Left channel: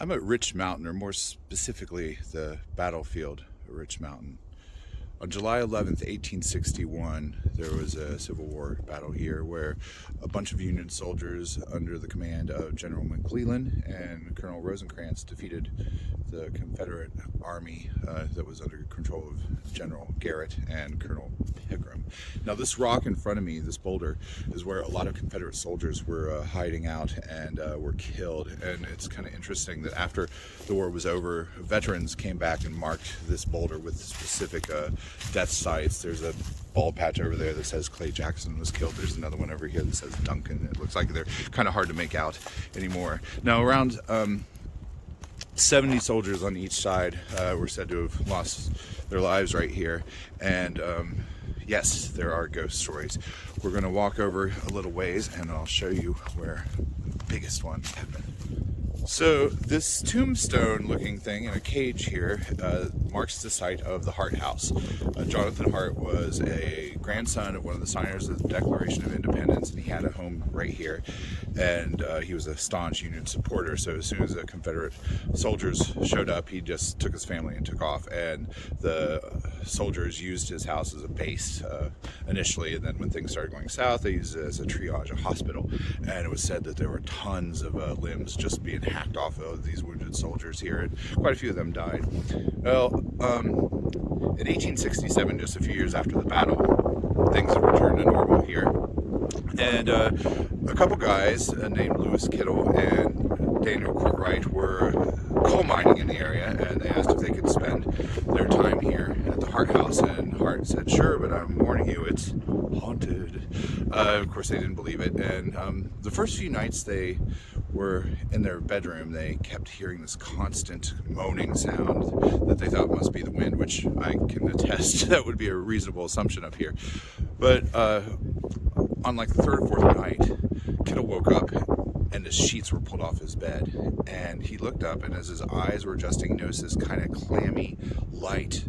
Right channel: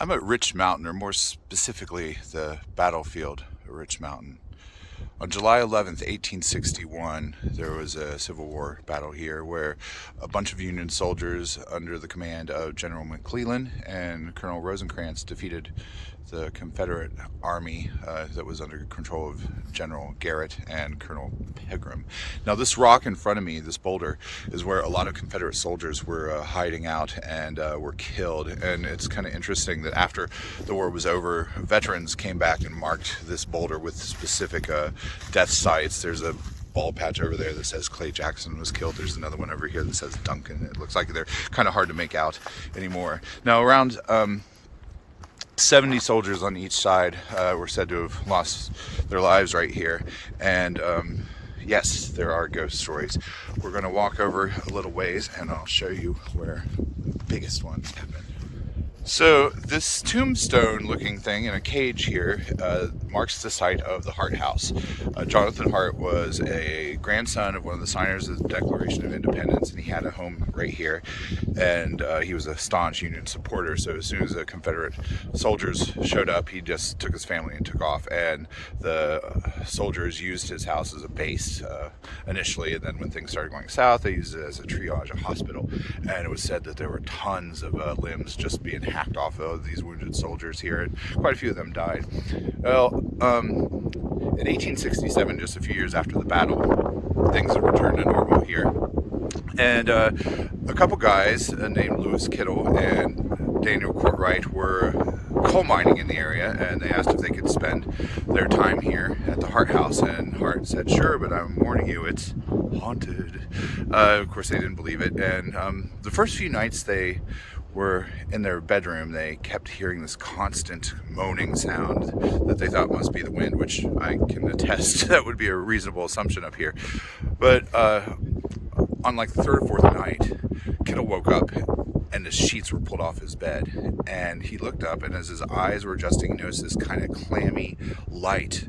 I'm at Rich Mountain, or more specifically, the battlefield at Rich Mountain. On July 11th, 1861, there was a Civil War battle here where a bunch of Union soldiers under the command of General McClellan and Colonel Rosecrans defeated the Confederate Army that was under control of General Garrett and Colonel Pegram. Now this rock in front of me, this boulder, is where a lot of Confederate soldiers were hiding out and were killed. And it's kind of interesting that after the war was over, veterans came back and marked this boulder with specific death sites. There's a bald patch over there that says Clay Jackson was killed. There's another one over here that says Duncan. It looks like they're kind of hard to make out anymore. Now around 70 soldiers on each side were said to have lost their lives right here. And yes, there are ghost stories. We're going to walk over a little ways and I'll show you where the biggest one happened. So this tombstone looking thing in a cage here marks the site of the Hart House. Jonathan Hart was a grandson of one of the signers of the Declaration of Independence, and he had a home right here, and he was a staunch Union supporter. So as soon as the Confederate soldiers showed up, he just took his family and took off, and the soldiers used his house as a base initially, and then when things started going south, they used it as a triage, a hospital. And it was said that there were tons of limbs just being hacked off of these wounded soldiers here, and quite a few of them died. Well, in 1867, just a few years after the battle, things had returned to normal here, and a couple guys named Lewis Kittle and Daniel Courtwright were coal mining in the area, and they asked if they could spend their time here at the Hart House, and Hart said, "Sure, but I'm warning you, it's haunted." Of course, they didn't believe it, and the first few nights they were in their bedroom, they kept hearing this constant moaning sound that they thought must be the wind, which I can attest that would be a reasonable assumption up here. But on like the third or fourth night, Kittle woke up and the sheets were pulled off his bed, and he looked up, and as his eyes were adjusting, he noticed this kind of clammy light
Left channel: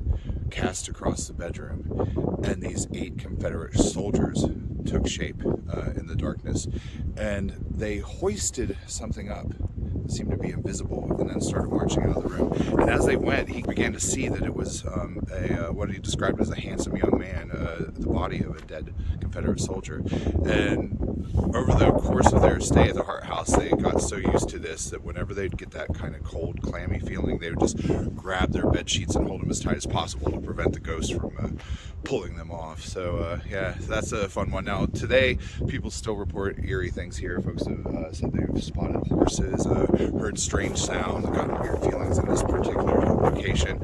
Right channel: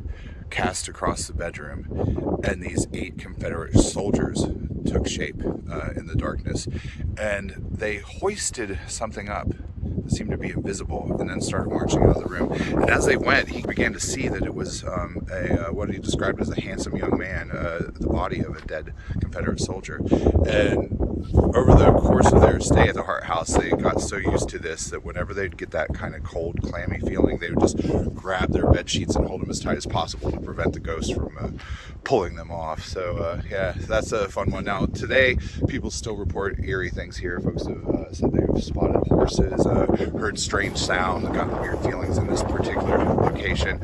cast across the bedroom, and these 8 Confederate soldiers took shape in the darkness, and they hoisted something up that seemed to be invisible, and then started marching out of the room. And as they went, he began to see that it was what he described as a handsome young man, the body of a dead Confederate soldier. And over the course of their stay at the Hart House, they got so used to this that whenever they'd get that kind of cold, clammy feeling, they would just grab their bed sheets and hold them as tight as possible to prevent the ghost from pulling them off. So yeah, that's a fun one. Now today, people still report eerie things here. Folks have said they've spotted horses, heard strange sounds, gotten weird feelings in this particular location.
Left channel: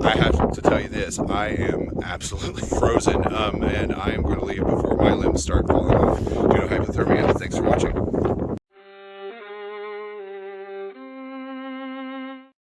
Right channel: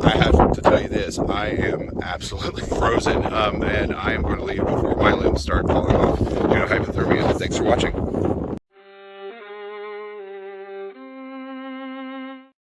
I have to tell you this, I am absolutely frozen, and I am going to leave before my limbs start falling off due to hypothermia. Thanks for watching.